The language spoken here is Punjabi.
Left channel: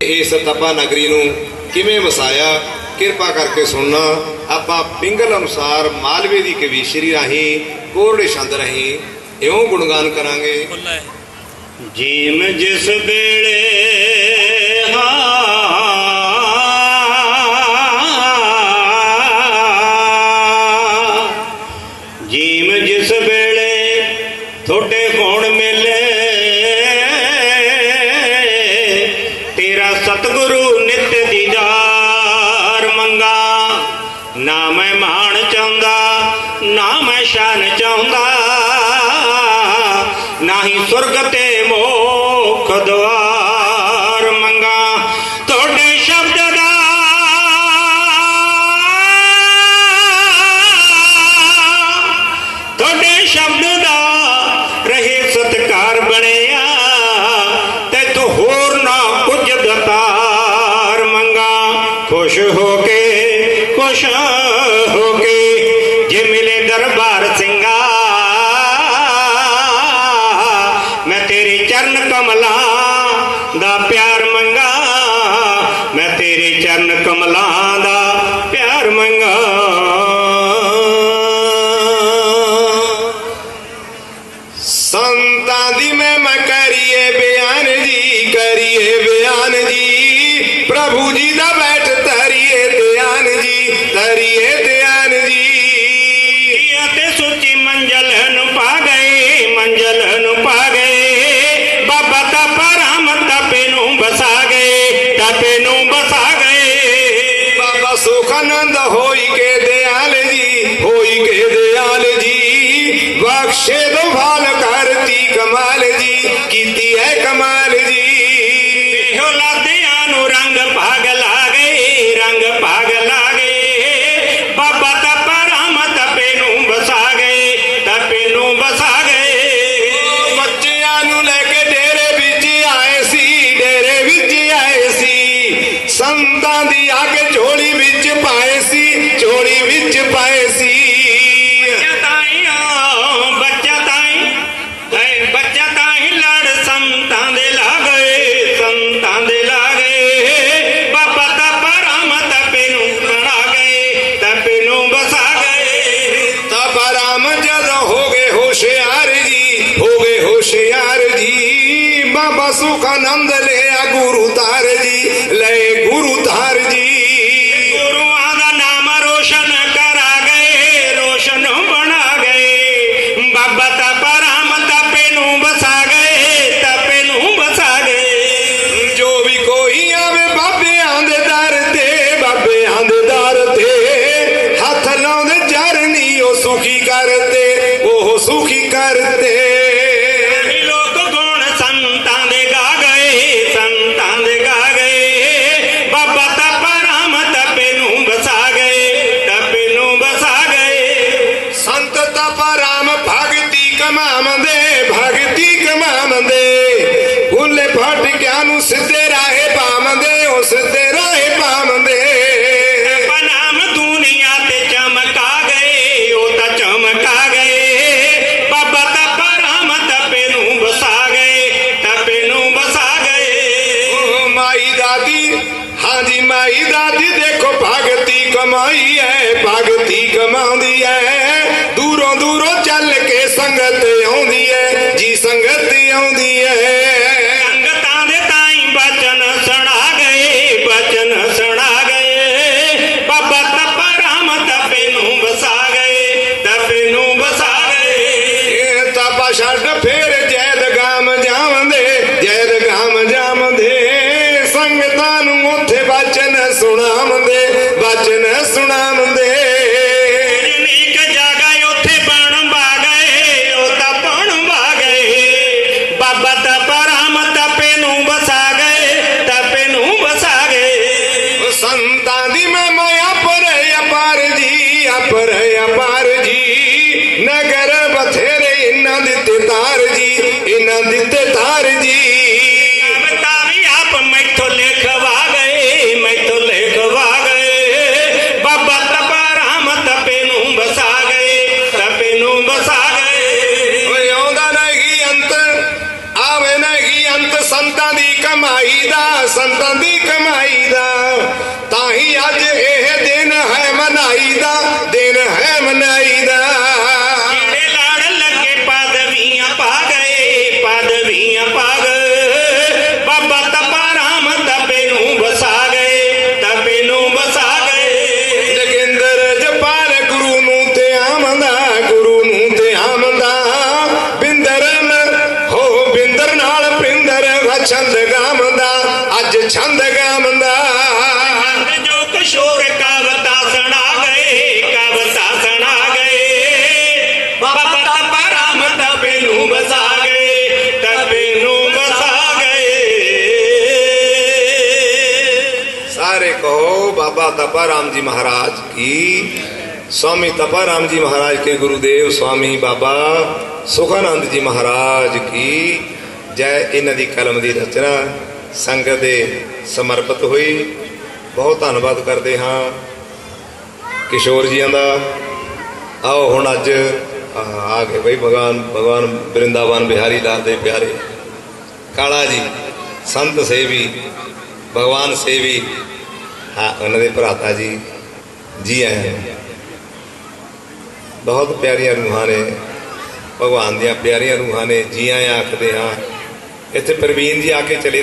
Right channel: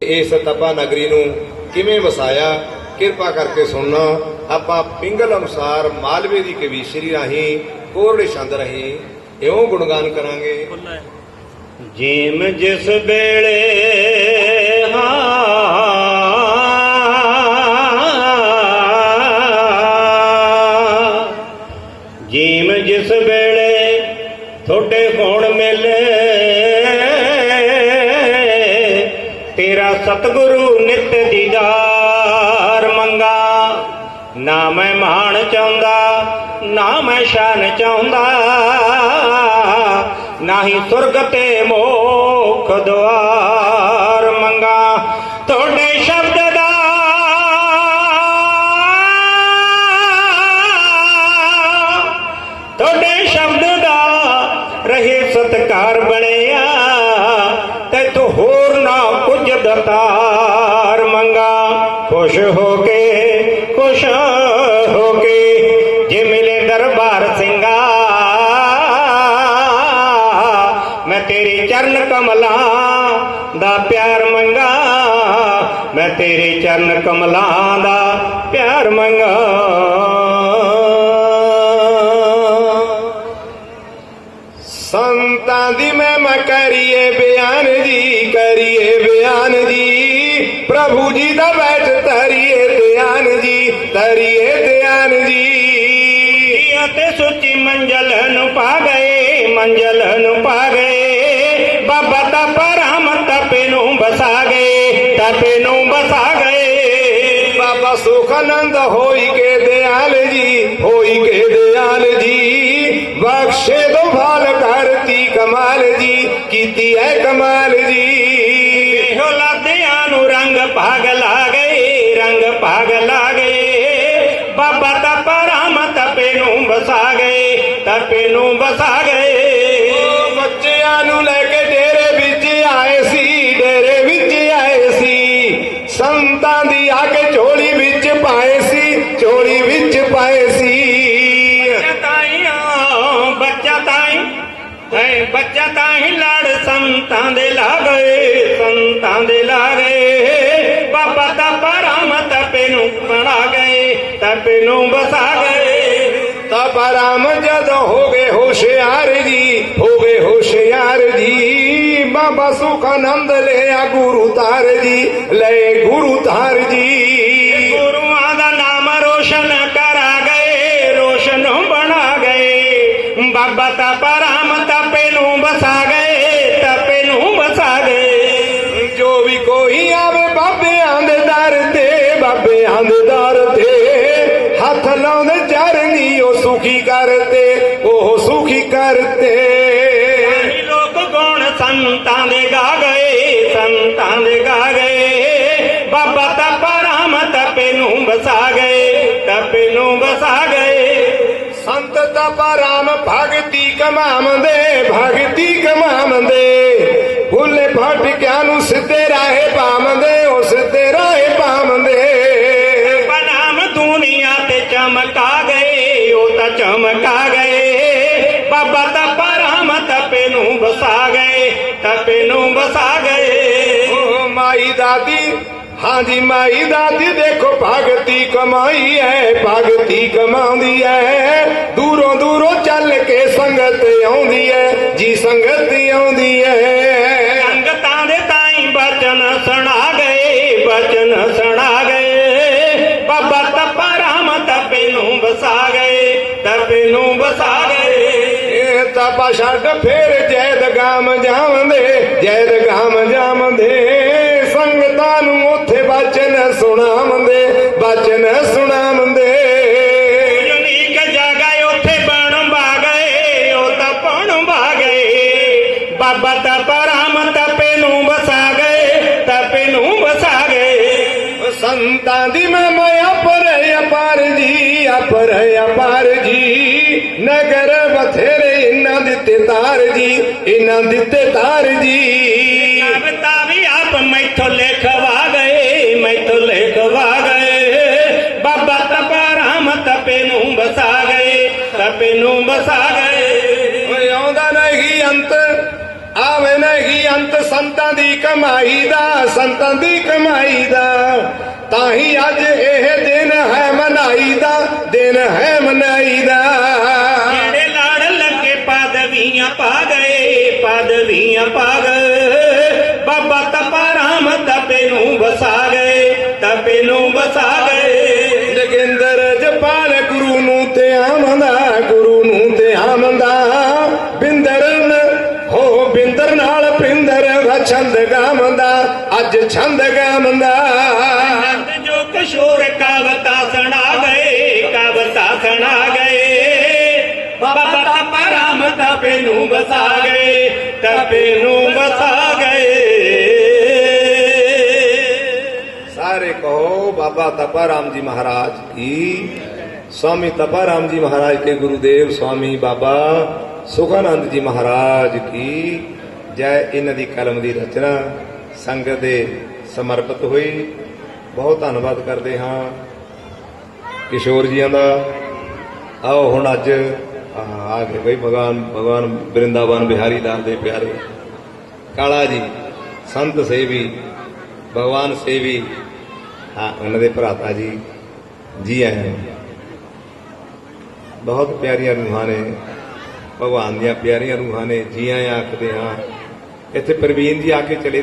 ਇਸ ਤਪਾ ਨਗਰੀ ਨੂੰ ਕਿਵੇਂ ਵਸਾਇਆ, ਕਿਰਪਾ ਕਰਕੇ ਸੁਣਨਾ। ਆਪਾਂ ਪਿੰਗਲ ਅਨੁਸਾਰ ਮਾਲਵੇ ਦੀ ਕਵੀਸ਼ਰੀ ਰਾਹੀਂ, ਕੋਰੜੇ ਛੰਦ ਰਾਹੀਂ ਇਉਂ ਗੁਣਗਾਨ ਕਰਾਂਗੇ। ਜੀਮ ਜਿਸ ਵੇਲੇ ਹਾਂ ਜੀਮ ਜਿਸ ਵੇਲੇ ਤੁਹਾਡੇ ਹੋਣ ਮੇਲੇ। ਸਤਿਗੁਰੂ ਨਿਤ ਦੀਦਾਰ ਮੰਗਾ। ਨਾ ਮੈਂ ਮਾਣ ਚਾਹੁੰਦਾ, ਨਾ ਮੈਂ ਸ਼ਾਨ ਚਾਹੁੰਦਾ। ਨਾਹੀ ਸੁਰਗ ਤੇ ਮੋਖ ਦੁਆ। ਮੰਗਾ, ਖੁਸ਼ ਹੋ ਕੇ, ਖੁਸ਼ ਹੋ ਕੇ, ਜੇ ਮਿਲੇ ਦਰਬਾਰ ਸਿੰਘਾ। ਮੈਂ ਤੇਰੇ ਚਰਨ ਕਮਲਾ ਦਾ ਪਿਆਰ ਮੰਗਾ, ਮੈਂ ਤੇਰੇ ਚਰਨ ਕਮਲਾ ਦਾ ਪਿਆਰ ਮੰਗਾ। ਸੰਤਾਂ ਦੀ ਮੈਂ ਕਰੀਏ, ਬਿਆਨ ਜੀ ਕਰੀਏ, ਬਿਆਨ ਜੀ ਪ੍ਰਭੂ ਜੀ ਦਾ ਬੈਠ ਤਰੀਏ ਧਿਆਨ ਜੀ ਤਰੀਏ ਧਿਆਨ ਜੀ ਅਤੇ ਸੁੱਚੀ ਮੰਜ਼ਲ ਨੂੰ ਪਾ ਗਏ ਮੰਜ਼ਲ ਨੂੰ ਪਾ ਗਏ ਬਾਬਾ ਦਾ ਪਰਮ ਤਪੇ ਨੂੰ ਬਸਾ ਗਏ ਤਪੇ ਨੂੰ ਬਸਾ ਗਏ ਬਾਬਾ ਸੁਖ ਆਨੰਦ ਹੋਈ ਕੇ ਦਿਆਲ ਜੀ ਹੋਈ ਕੇ ਦਿਆਲ ਜੀ ਬਖਸ਼ੇ ਦੋ ਭਾਲ ਕਰਤੀ ਕਮਾਲ ਜੀ ਕੀਤੀ ਹੈ ਕਮਾਲ ਬਾਬਾ ਆਨੰਦ ਲਿਆ ਗੁਰੂ ਤਾਰ ਜੀ ਲਏ ਗੁਰੂ ਤਾਰ ਜੀ। ਗੁਰੂਆਂ ਦਾ ਨਾਮ ਰੋਸ਼ਨ ਕਰਾ ਗਏ ਰੋਸ਼ਨ ਬਣਾ ਗਏ। ਬਾਬਾ ਦਾ ਪਰਮ ਤਪੇ ਨੂੰ ਬਸਾ ਗਏ ਤਪੇ ਨੂੰ ਬਸਾ ਗਏ। ਜੋ ਵੀ ਕੋਈ ਆਵੇ ਬਾਬਿਆਂ ਦੇ ਦਰ ਤੇ ਬਾਬਿਆਂ ਦੇ ਦਰ ਤੇ ਹੱਥ ਲਾਉਂਦੇ ਚਰਨੀ ਉਹ ਸੁਖੀ ਕਰਤੇ ਉਹ ਸੁਖੀ ਕਰਤੇ। ਹਾਂਜੀ ਮਾਈ ਦਾਦੀ ਦੇਖੋ ਭਗਤੀ ਕਮਾਈ ਐ ਭਗਤੀ ਕਮਾਉਂਦੀ ਐ। ਦੂਰੋਂ ਦੂਰੋਂ ਚੱਲ ਕੇ ਸੰਗਤ ਆਉਂਦੀ ਐ ਜੀ ਸੰਗਤ ਆਉਂਦੀ ਐ। ਸੰਗਤਾਂ ਦੇ ਤਾਈ ਬਚਨ ਸੁਣਾ ਗਏ ਬਚਨ ਸੁਣਾ ਗਏ। ਬਾਬਾ ਤਪਾ ਰਾਮ ਤਪੇ ਨੂੰ ਬਸਾ ਗਏ ਤਪੇ ਨੂੰ ਬਸਾ ਗਏ। ਤਪਾ ਛੱਡ ਫੇਰ ਤਾਰ ਜੀ ਇਹਨਾਂ ਦਿੱਤੇ ਤਾਰ ਜੀ। ਤਾਰੀ ਆਪ ਮੈਥੋਂ ਲੇਖਵਾ ਗਏ ਮੈਥੋਂ ਲੇਖਵਾ ਗਏ। ਬਾਬਾ ਤਪਾ ਤਪੇ ਨੂੰ ਬਸਾ ਗਏ ਤਪੇ ਨੂੰ ਬਸਾ ਗਏ। ਓਏ ਆਉਂਦਾ ਨਹੀਂ ਅੰਤ ਆਵੇ ਨਹੀਂ ਅੰਤ ਸੰਤਾਂ ਦੀ ਕਮਾਈ ਦਾ ਸੰਤਾਂ ਦੀ ਕਮਾਈ ਦਾ। ਤਾਂ ਹੀ ਅੱਜ ਇਹ ਦਿਨ ਹੈ ਵਛੰਦ ਗਾਮਦਾ ਅੱਜ ਛੰਦ ਗਾਮਦਾ ਜੋ ਕਿਸ਼ੋਰ ਕਵਤਾ ਸੁਣਾ ਗਏ ਕਵਤਾ ਸੁਣਾ ਗਏ ਬਾਬਾ ਤਪਾ ਰਾਮ ਤਪੇ ਨੂੰ ਵਸਾ ਗਏ ਤਪੇ ਨੂੰ ਵਸਾ ਗਏ ਸਾਰੇ ਕਹੋ ਬਾਬਾ ਤਪਾ ਰਾਮ ਜੀ ਮਹਾਰਾਜ ਕੀ स्वामी तपा राम जी महाराज के गुरुदेव स्वामी बाबा ਸੁਖਾਨੰਦ ਜੀ ਮਹਾਰਾਜ ਕੀ ਜੈ ਇਹਨਾਂ ਦੀ ਕਲਮ ਦੀ ਰਚਨਾ ਸੰਗਤ ਦੇ ਸਮਰਪਿਤ ਹੋਈ। ਬਹੁਤ ਧੰਨਵਾਦ ਕਰਦੇ ਹਾਂ ਕਿਸ਼ੋਰ ਜੀਆਂ ਦਾ। ਆਓ ਹੁਣ ਅੱਜ ਆ ਆ ਗਏ ਬਈ ਭਗਵਾਨ ਭਗਵਾਨ ਬ੍ਰਿੰਦਾਵਨ ਬਿਹਾਰੀ ਲਾਲ ਦੇ ਪਿਆਰੇ। ਕਾਲਾ ਜੀ, ਸੰਤ ਸੇਵੀ, ਭਗਵਾਨ ਸੇਵੀ। ਹਾਂ, ਉਹਨਾਂ ਦੇ ਭਰਾਤਾ ਜੀ ਜੀ ਆਏ ਬਹੁਤ ਪਿਆਰੀਆਂ ਰੂਹਾਂ ਨੇ। ਭਗਵਾਨ ਦੀਆਂ ਪਿਆਰੀਆਂ ਰੂਹਾਂ ਨੇ। ਜੀ ਆਇਆਂ ਆਖਦੇ ਹਾਂ ਇੱਥੇ ਪ੍ਰਵੀਨ ਜੀ ਆ ਕੇ ਚਲੇ ਗਏ